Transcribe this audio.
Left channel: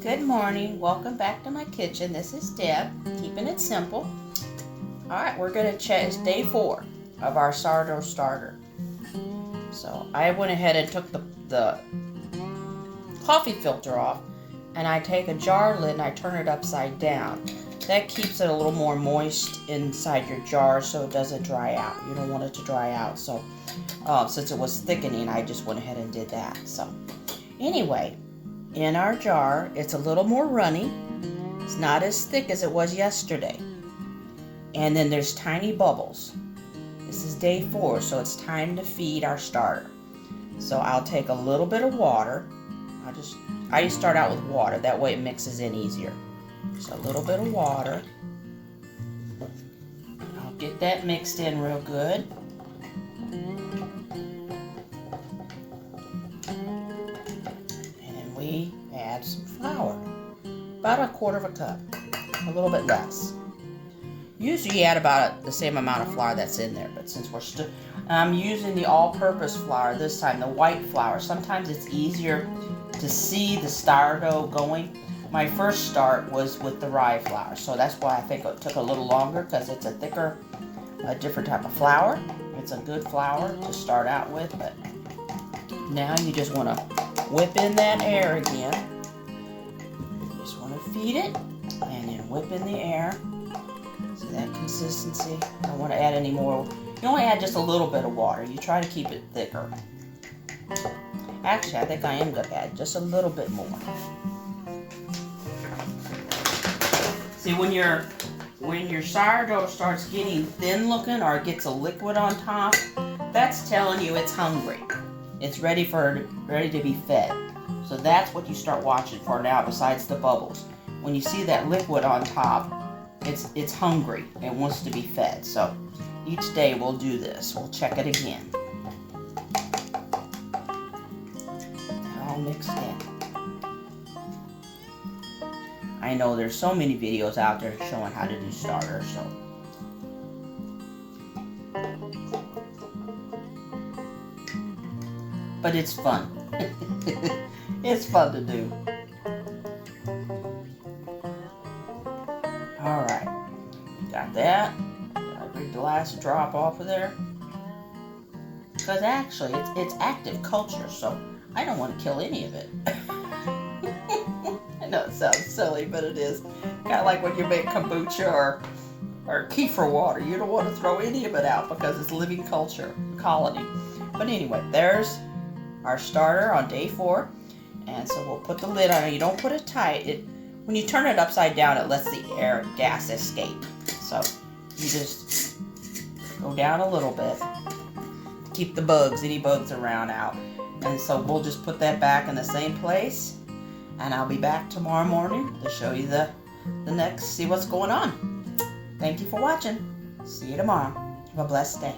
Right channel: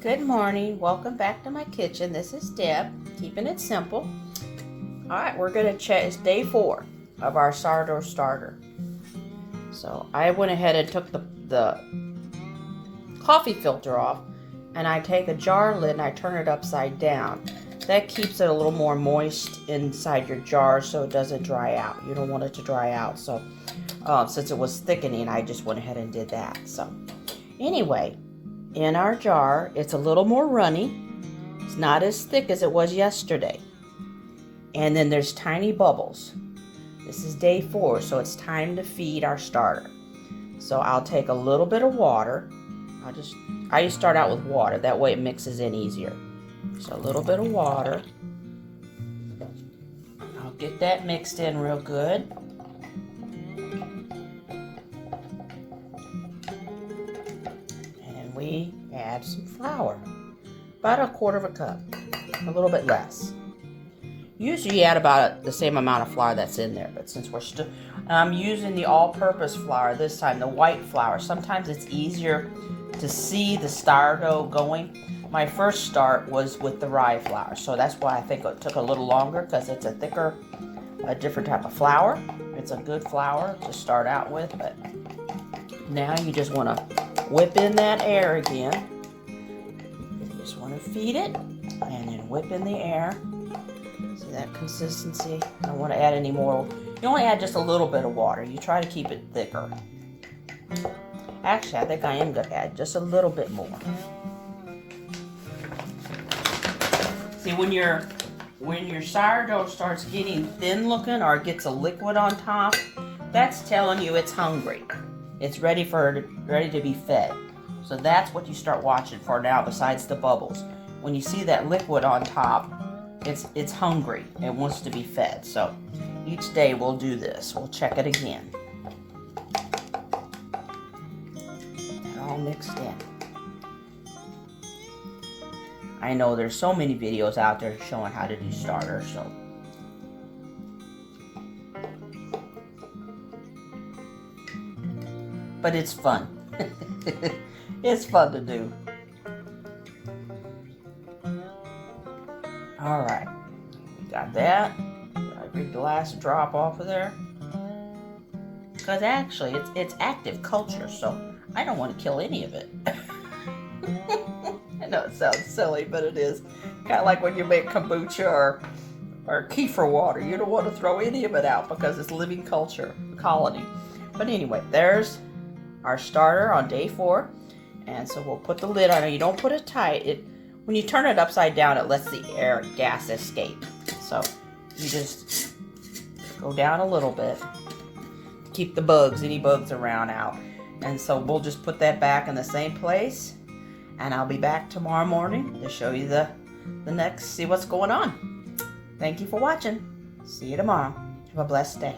Good morning. Welcome back to my kitchen. This is Deb, keeping it simple. All right, we're going to check. It's day 4 of our sourdough starter. So I went ahead and took the coffee filter off, and I take a jar lid and I turn it upside down. That keeps it a little more moist inside your jar so it doesn't dry out. You don't want it to dry out. So since it was thickening, I just went ahead and did that. So anyway, in our jar, it's a little more runny. It's not as thick as it was yesterday. And then there's tiny bubbles. This is day 4, so it's time to feed our starter. So I'll take a little bit of water. I just start out with water. That way it mixes in easier. So a little bit of water. I'll get that mixed in real good. And we add some flour. About 1/4 cup. A little bit less. Usually you add about the same amount of flour that's in there, but since I'm using the all-purpose flour this time, the white flour. Sometimes it's easier to see the sourdough going. My first start was with the rye flour, so that's why I think it took a little longer, because it's a thicker, different type of flour. It's a good flour to start out with, but now you just want to whip in that air again. You just want to feed it, and then whip in the air. See that consistency? I don't want to add any more. You only add just a little bit of water. You try to keep it thicker. Actually, I think I am going to add just a little bit more. See, when your sourdough starts getting thin looking or gets a liquid on top, that's telling you it's hungry. It's ready to be fed. So that's what you start watching for now, besides the bubbles. When you see that liquid on top, it's hungry. It wants to be fed. So each day we'll do this. We'll check it again. All mixed in. I know there's so many videos out there showing how to do starters, so. But it's fun. It's fun to do. All right, got that. Every last drop off of there. Because actually, it's active culture, so I don't want to kill any of it. I know it sounds silly, but it is. Kind of like when you make kombucha or kefir water. You don't want to throw any of it out because it's living culture, colony. But anyway, there's our starter on day 4. And so we'll put the lid on it. You don't put it tight. When you turn it upside down, it lets the gas escape. So you just go down a little bit. Keep the bugs, any bugs around, out. And so we'll just put that back in the same place. And I'll be back tomorrow morning to show you the next, see what's going on. Thank you for watching. See you tomorrow. Have a blessed day.